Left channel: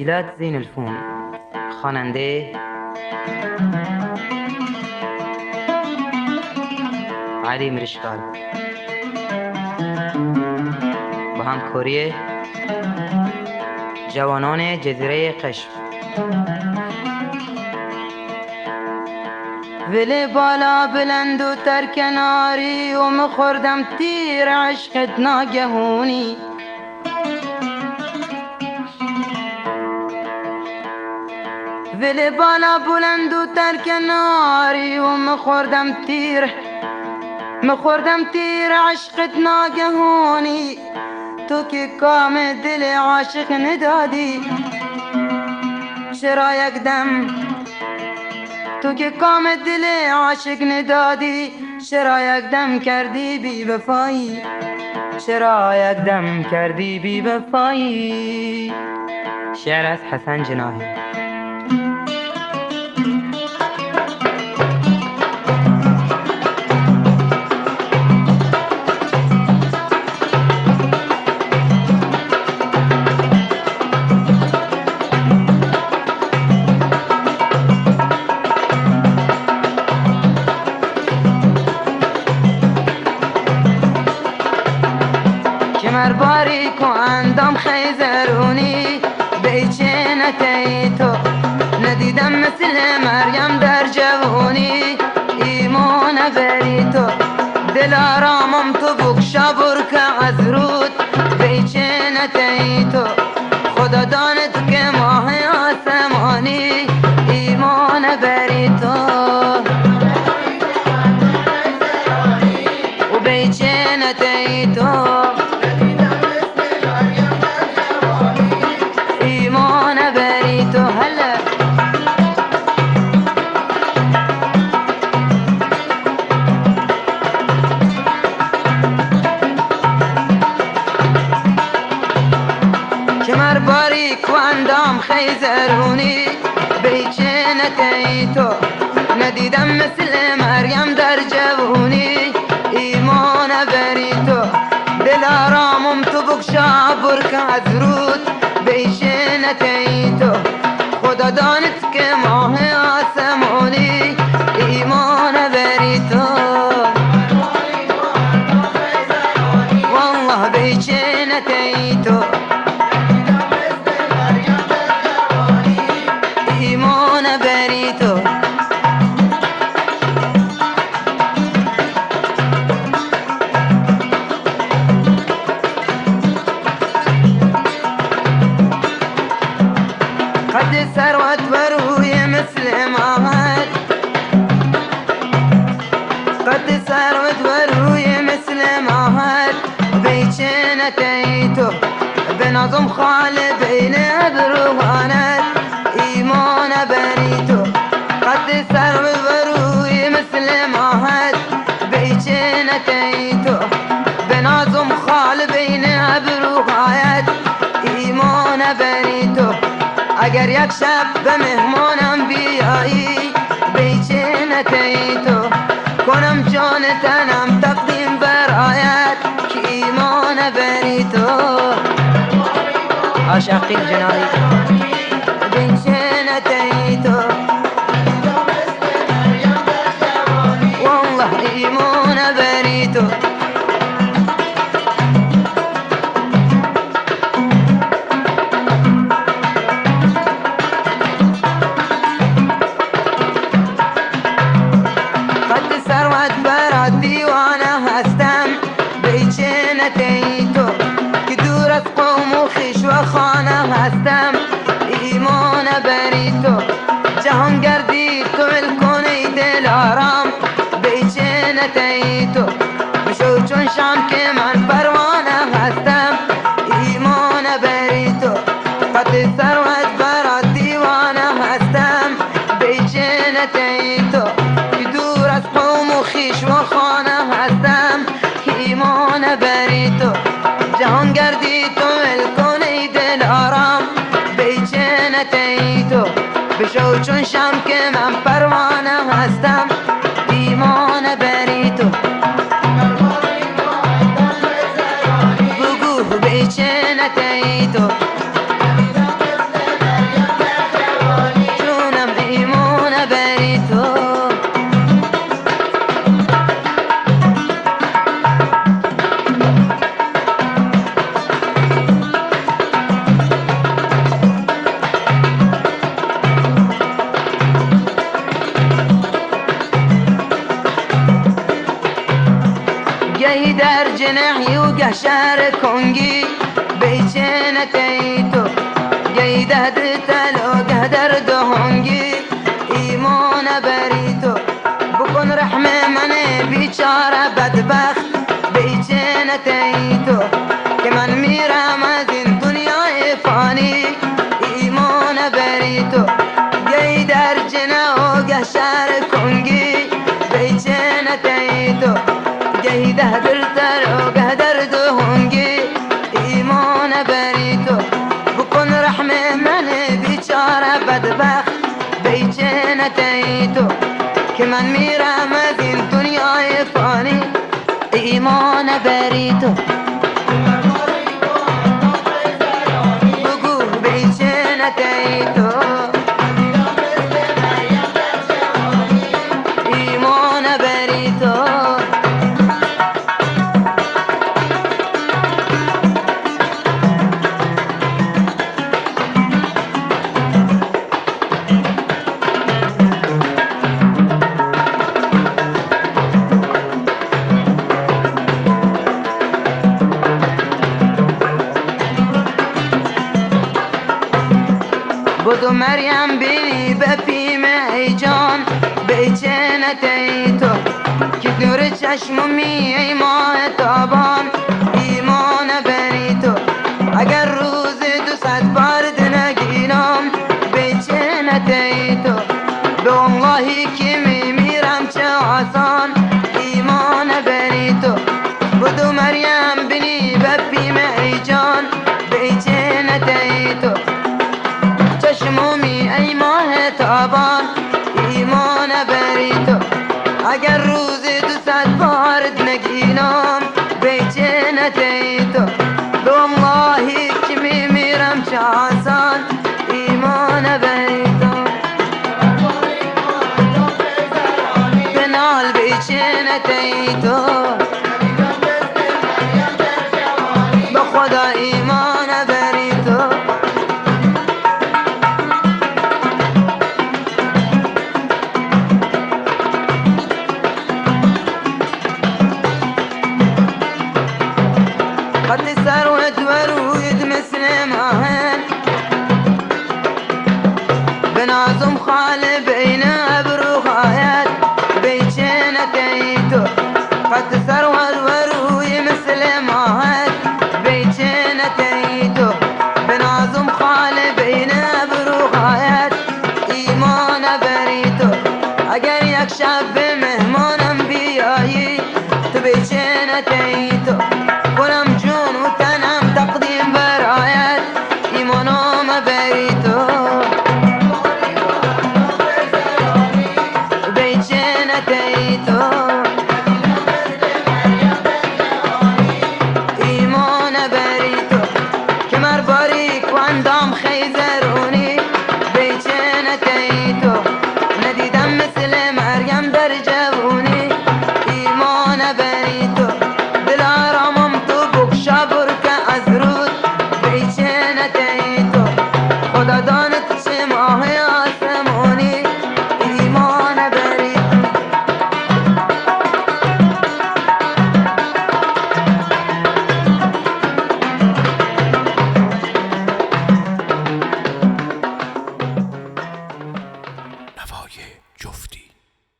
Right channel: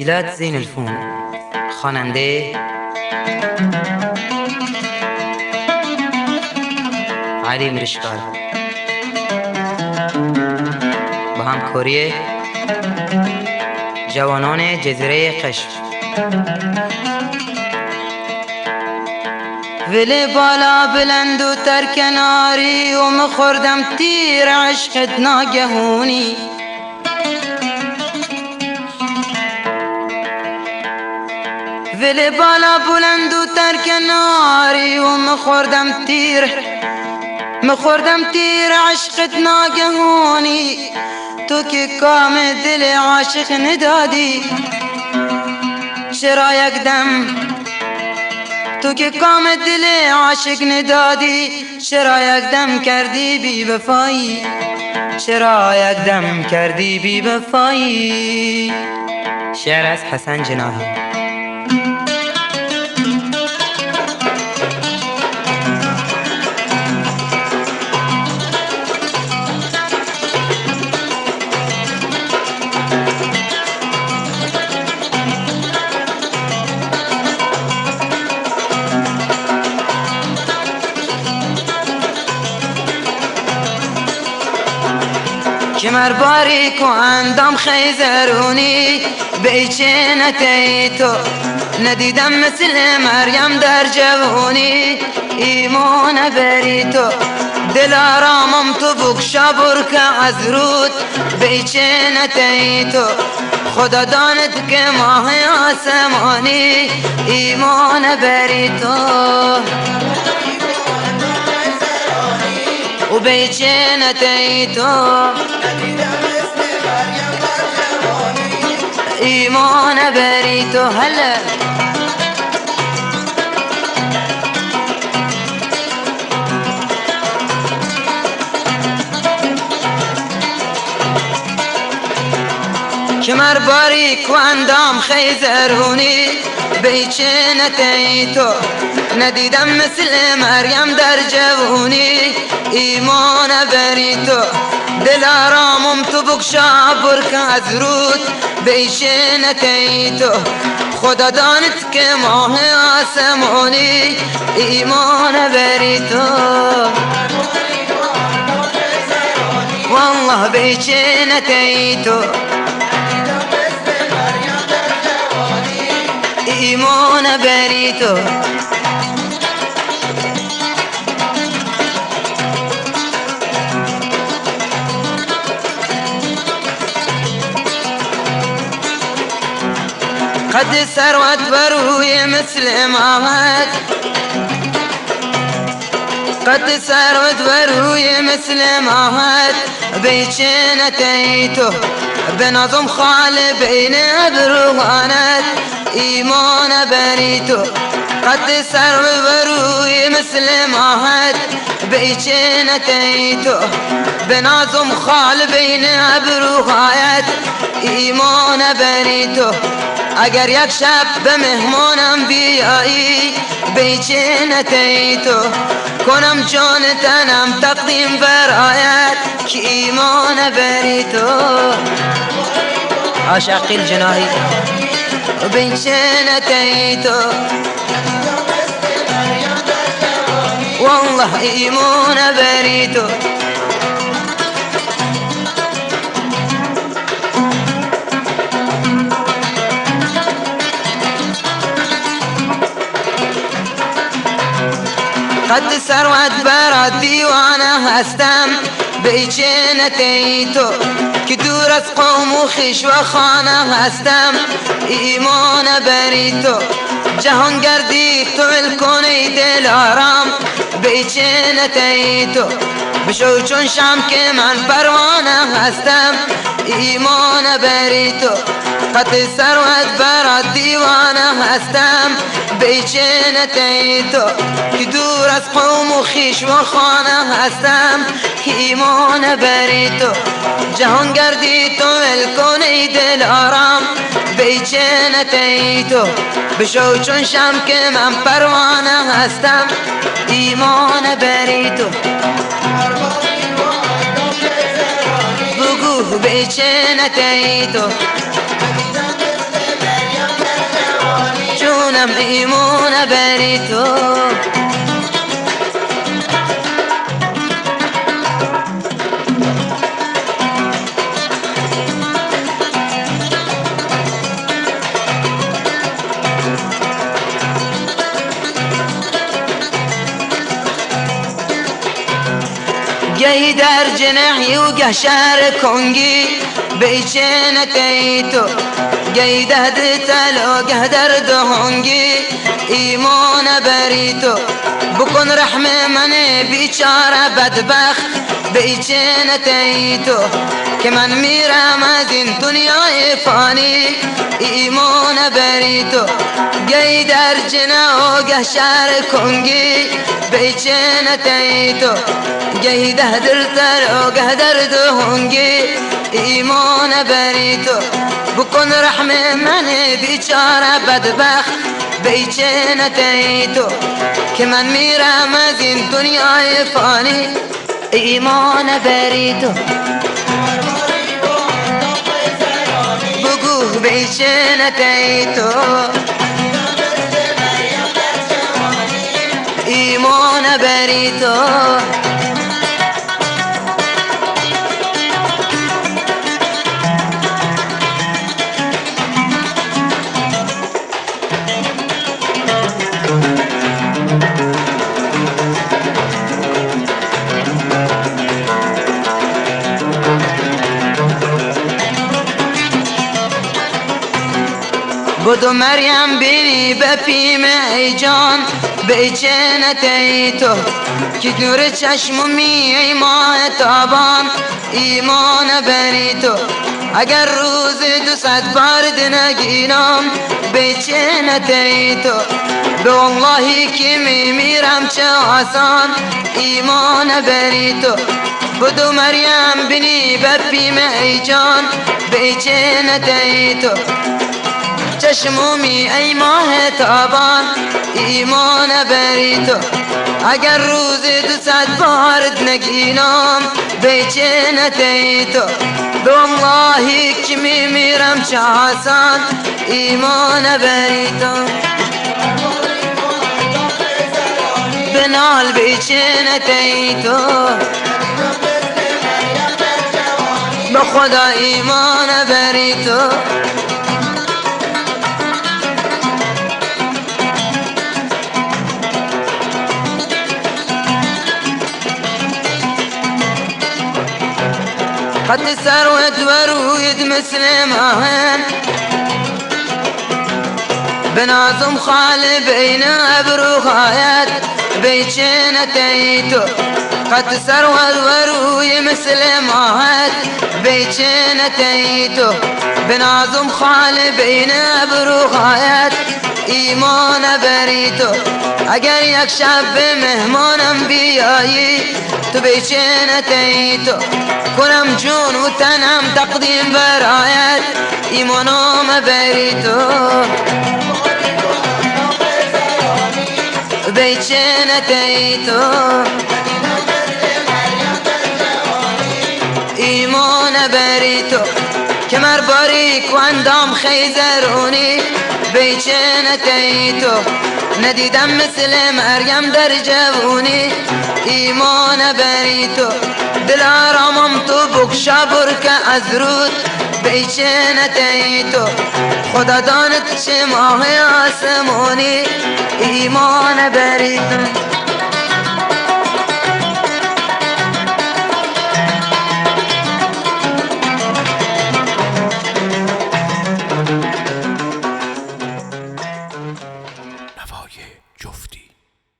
تسجيلات زين الفون. خواننده علی مرشکار با همکاری جوانان جزیره قشم. ولی بالا بلند و تر کناری و مخوردم تیر عشقت ناگهونی. ولی بالا بلند و تر کناری و مخوردم تیر عشقت ناگهونی. تو که کام دل عاشق ندادی چرا یک دم، تو که کام دل عاشق ندادی چرا یک دم کردی بی وفایی، چرا یک دم کردی بی وفایی. شعر از حسن جناحی. کمر باریک و اندام خیزرونی، بیچینتی تو ندیدم مثل مریم در جوونی. ایمان بری تو دل آرامم تو بکشا برکه از رود، بیچینتی تو خدا داند که ماه آسمانی. ایمان بری تو و بیچینتی تو ایمان بری تو. هلا کمر باریک و اندام خیزرونی، بیچینتی تو ندیدم مثل مریم در جوونی. ایمان بری تو دل آرامم تو بکشا برکه از رود، بیچینتی تو خدا داند که ماه آسمانی. ایمان بری تو والله بیچینتی تو ایمان بری تو. قد ثروت بروی مثل ماهت، قد ثروت بروی مثل ماهت. بیچینتی تو بنظم خال بین ابروانت. ایمان بری تو قد ثروت بروی مثل ماهت. بیچینتی تو بنظم خال بین ابروهایت. ایمان بری تو اگر یک شب به مهمانم بیایی، بیچینتی تو کنم جان تنم تقدیم برایت. که ایمان بری تو عاشقی الجناحی بیچینتی تو والله ایمان بری تو. قد ثروت برات دیوانه هستم، بیچینتی تو که دور از قوم و خویش و خانه هستم. ایمان بری تو جهان گردی تو ول کنی دل آرام. بیچینتی تو بشو چون شم که من پروانه هستم. ایمان بری تو قد ثروت برات دیوانه هستم. بیچینتی تو که دور از قوم و خویش و خانه هستم. ایمان بری تو جهان گردی تو ول کنی دل آرام. بیچینتی تو بشو چون شم که من پروانه هستم. ایمان بری تو بگو بیچینتی تو دلم ایمان بری تو. گهی در جنحی و گه شهر کنگی بیچه نتیتو، گهی ده دتل و گه در دهانگی ایمان بری تو. بکن رحم من بیچاره بدبخت بیچه نتیتو، که من میرم از این دنیای فانی ایمان بری تو. گهی در جنح و گه شهر کنگی بیچه نتیتو، گهی ده دلتر و گه در دهانگی ایمان بری تو. بکن رحم من بیچاره بدبخت بیچه نتیتو، که من میرم از این دنیای فانی ایمان بری تو. بگو بیچه نتیتو ایمان بری تو. بدو مریم بینی بپیم ای جان بیچه نتیتو، که نور چشممی ای ماه تابان ایمان بری تو. اگر روز 200 بار نگینم بیچه نتیتو، به والله که میمیرم چه آسان ایمان بری تو. بدو مریم بینی بپیم ای جان بیچه نتیتو، چشمومی ای ماه تابان ایمان بری تو. اگر روز 200 بار نگینم بیچه نتیتو، به والله که میمیرم چه آسان ایمان بری تو. بنال بیچه نتیتو، به خدا ایمان بری تو. خط ثروت ورويد مثل ماهن، بنازم خال بين ابروخايات بیچه نتیتو. خط ثروت وروي مثل ماهن بیچه نتیتو، بنازم خال بين ابروخايات ایمان بری تو. اگر یک شب به مهمانم بیایی تو بیچه نتیتو، کنم جون و تنم تقدیم برایت ایمانم بری تو. بیچه نتیتو ایمان بری تو، کمر باریک و اندام خیزرونی بیچه نتیتو. ندیدم مثل مریم در جوونی ایمان بری تو. دل آرامم تو بکشا برکه از رود بیچه نتیتو. خدا داند چه ماه آسمونی ایمان بری تو.